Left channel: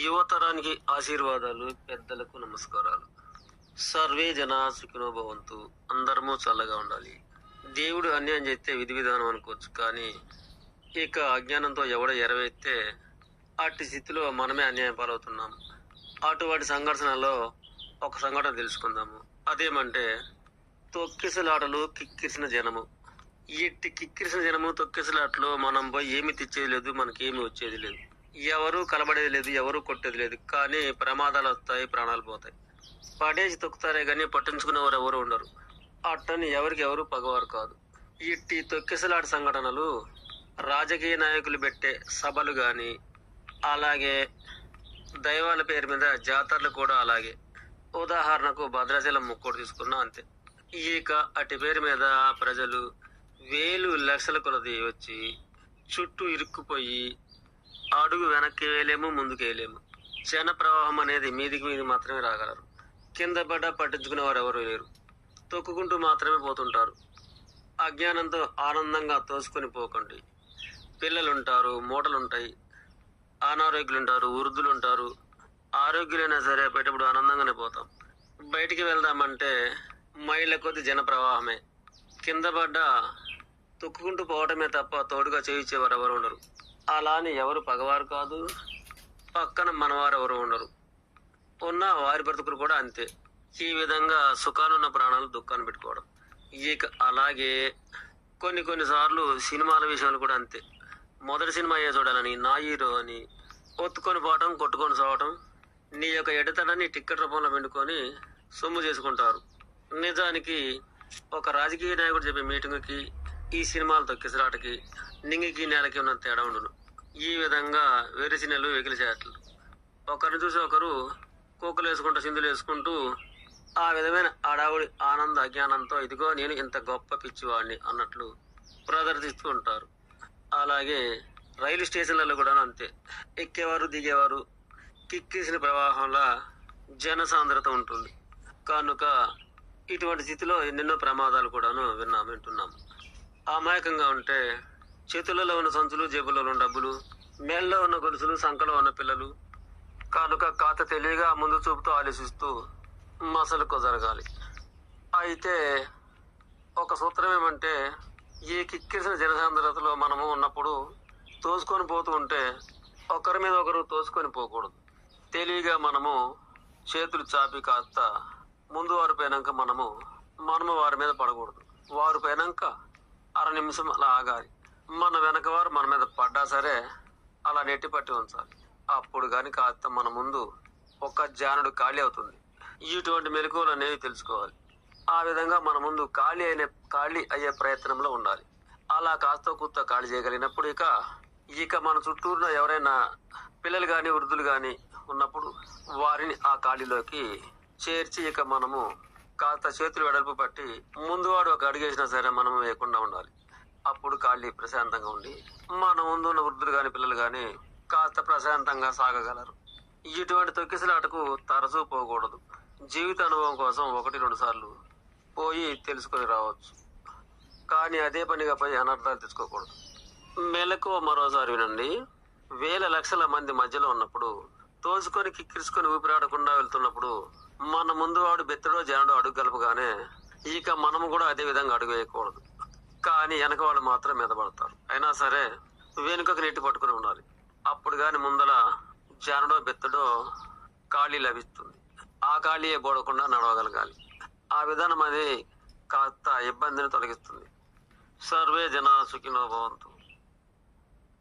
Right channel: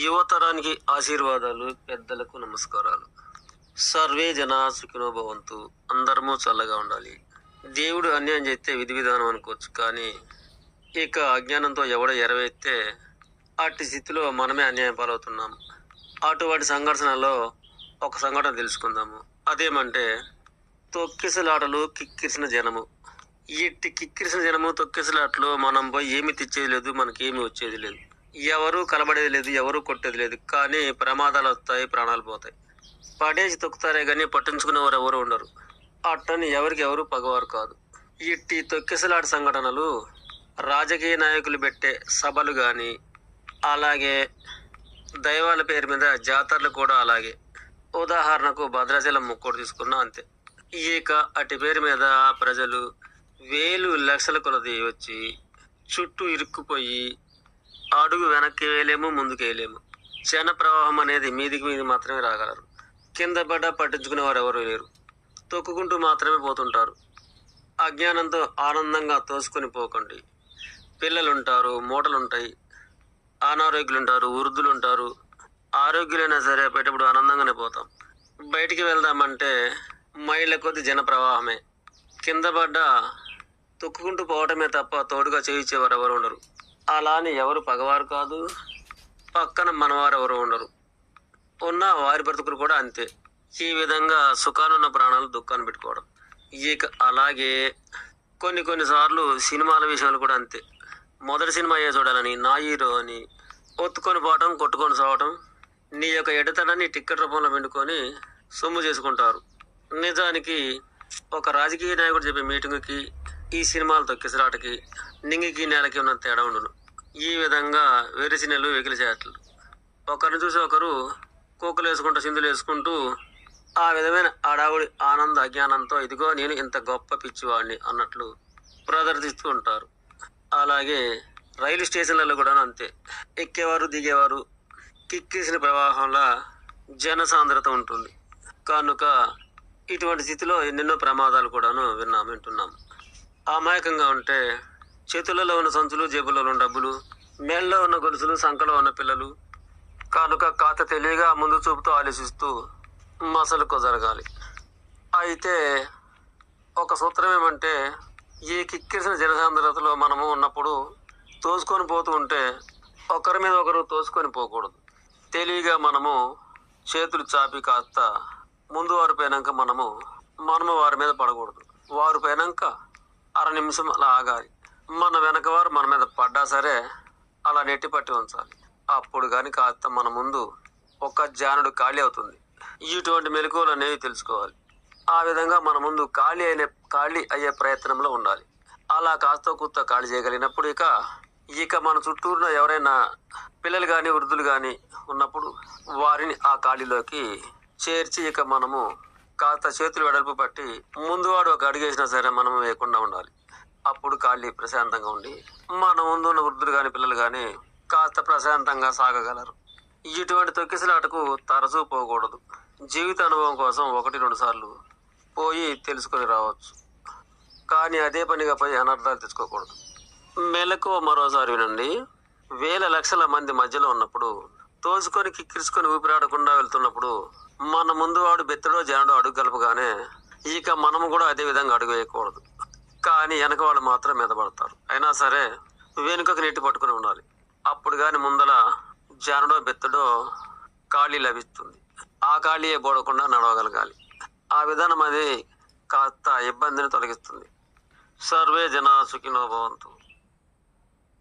యువతరానికి ఆశీర్వాదాలు, పెద్దలకు నమస్కారాలు. సర్వే జన సుఖినో భవంతు. అందరము చల్లగా ఉండాలి. దేవుడు అన్యాయం చేస్తే విధి విధానం అనుకోవచ్చు, కానీ ఇక అజ్ఞానంతో ఎవడో ఎరవేస్తే అట్టి స్థితిలో మనమే అన్యాయం పాలవుతున్నాము. అటువంటి సంఘర్షణలో ఒక సంఘటన తెలుసుకుందాము. అదేమంటే తొక్కిసలాటలు, కిక్కిరిసిన జనము. ఇట్టి కిక్కిరిసిన జనము, తొక్కిసలాటలు మనం పోయి ఏమి తెచ్చేది లేదు, మనకేమి వచ్చేది లేదు. ఎవరు కలబడేది లేదు, ఎవరు కొట్టేది లేదు. కానీ ప్రమాదాలు వస్తాయి, ప్రాణాలు పోతాయి. పడేసి తొక్కుతారే గానీ పట్టించుకునేవారు ఎవరు ఉండరు. అట్టని ఎవరికి ఎవరు పగవారు కాదు. ఇట్టి తొక్కిసలాట సంఘటనలు రాజకీయ నాయకులు పెట్టే సభలు గాని, అలాగే దైవాల పేరు మీద జాతరలు కూడా అలాగే. ఉదాహరణకు భద్రాచలం ముక్కోడు తీసుకున్నా అంతే. ఇక అటు పేరు మీద ప్రజలు వేలు లక్షల కొలది వచ్చి చుట్టూ ఇరుక్కుపోయి అడుగు వెనక్కి వేయలేము, ముందుకు వేయలేము. జన ప్రవాహం అనేది మీదికి మీది మాత్రమే రాగలరు. కింద పడ్డా పట్టించుకునే వారు ఎవరు లేరు. తొక్కుకుంటూ మాత్రమే పోతుంటారు. అజ్ఞానంతో ఆనందంగా తోసుకొని పోకండి. పిల్లలుంటారు, మూటలుంటాయి, అనారోగ్యులుంటారు, వృద్ధులుంటారు. ఆరోగ్యులైనా సరే పోయేటప్పుడు ఆనందంగానే పోతాం. బయటికి వెళ్దామంటే మైళ్ళ కొద్ది జన ప్రవాహమే. కింద పడ్డా తొక్కుకుంటూ పోవటమే తప్ప తోడుగా చేయించేవారు ఎవరు ఉండరు. అలా అని ఎవరు పగవారు కాదు, పక్కన మనవారు ఎవరు ఉండరు. ఉన్న వారి బ్రతుకులు కూడా అంతే. ఈ విధంగా సుఖాలున్న ప్రాణాలు దుఃఖాన్ని పెట్టుకోవడం. ఇక అలాగే కొన్నిసార్లు సినిమాల విషయాలు కూడా అంతే. మొదటి సినిమా అయ్యే చూడాలని నా హీరో అని ఒత్తుకొని పోవటం, కొట్టుకొని సావటం, నీ యొక్క ఎడతడాన్ని టిక్కెట్ రూపంలో పెట్టుకొని సొమ్ము చేసుకుంటారు. నిజానికి ఒక రాజకీయ నాయకుడు చెప్పే మీటింగ్కి ఈ సినిమాల తొక్కిసలాటకి నింగికి నేలకి ఉన్న తేడా ఉండును. ఈ విధంగా వెరిసినెలు వెకిలి చేటలు. ఒకరిని చూసి ఒకరు కోకులు వేసుకుంటూ, సింధులు వేసుకుంటూ ఆ విధమైన అడావుడి ఆనంద అజ్ఞానంతో ఇదిగో నేను ఇంత గొప్ప పిచ్చివాడిని అన్నట్లు ప్రదర్శిస్తూ ఉంటారు. అలాగే రైలు స్టేషన్లలో కూడా అంతే. ఎక్కేవారు, దిగేవారు కిక్కిసిన ప్రవాహంలా జనసాంద్రత ఉంటుంది. కనుక ఇటువంటి స్థితిలో ఎన్నెన్నో ప్రమాదాలు కూడాను వింటున్నాము. అమాయకంగా ఉంటే చేతులలో ఉన్న సంచులు, జేబులలో ఉన్న డబ్బులు, మేళ్ళలో ఉన్న గొలుసులు, సంకలో ఉన్న పిల్లలు. కనుక కాత తెలివిగా ముందు చూపుతూ ఆలోచిస్తూ మసలుకో జరగాలి. అయితే ఒక సూత్రం ఏమంటే, ఈ కిక్కిరిసిన జనసాంద్రతలో మనము ఉన్నప్పుడు తోసుకొని పోతూ ఉంటే ఒకరి మీద ఒకరు తోసుకొని పోకూడదు. తెలివిగా మనము చేతులు చాపి కాస్త ముందు వారు పోయినాక మనము వారి మీద పడకూడదు. వారు పోయినాక అర నిమిషం అలా ఆగాలి. మన వెనక వారు మన మీద పడ్డా సరే అలా నెట్టి పట్టి ఉంచాలి. అప్పుడు కానీ కాస్త మన ముందు ఒక జానుడు ఖాళీ అవుతుంది. ఇటువంటి మెలకువలు అనేవి తెలుసుకోవాలి. ఆ విధంగా మన ముందు ఖాళీ అయ్యే ప్రయత్నంలో ఉండాలి. అలా కాస్త కూత ఖాళీ చేయగలిగినప్పుడు ఇక మన చుట్టూరున ఎవరైనా పిల్లలు కానీ, వృద్ధులు కానీ ఉన్నప్పుడు వారిని ఆ ఖాళీలోకి చేర్చి ఇక మనము కాస్త చేతులు వెడల్పు పట్టి ముందువాడు ఒక అడుగేసినా సరే మనము వేయకుండా ఉండాలి. అప్పుడు ఖాళీ ప్రశాంతంగా ఉండి మన ముందు ఉన్న వృద్ధులు కానీ, పిల్లలు కానీ కాస్త ప్రశాంతంగా సాగగలరు. ఇటువంటి తొక్కిసలాటకు తరచూ పోకూడదు. జీవిత అనుభవం కోసం 1-2 సార్లు పోయి తెలుసుకొని రావచ్చు, కానీ అదే పనిగా పోయి అనర్థాలు తెచ్చుకోకూడదు. మెలకువ మరోసారి వినండి. వేల లక్షల మంది మధ్యలో ఉన్నప్పుడు తోసుకొని కిక్కిరిసుకొని ఊపిరాడకుండా వెళ్తున్నప్పుడు మన ముందు వాడు బెత్తడో జానడో అడుగు కలపగానే ఇక మనము కూడా అదే విధంగా అడుగు వేయకూడదు. కానీ వెనక వాళ్ళు మాత్రం మీద పడతారు. అయినా సరే వెనుకకు నెట్టి పట్టుకుని ఉండాలి. అప్పుడు కానీ ముందల జానడో బెత్తడో ఖాళీ లభిస్తుంది. ఆ ఖాళీయే బోడకుండా నడవగలగాలి. ఆ విధానం అది కాస్త ఇబ్బందిని తొలగిస్తుంది. సర్వే జన సుఖినో భవంతు.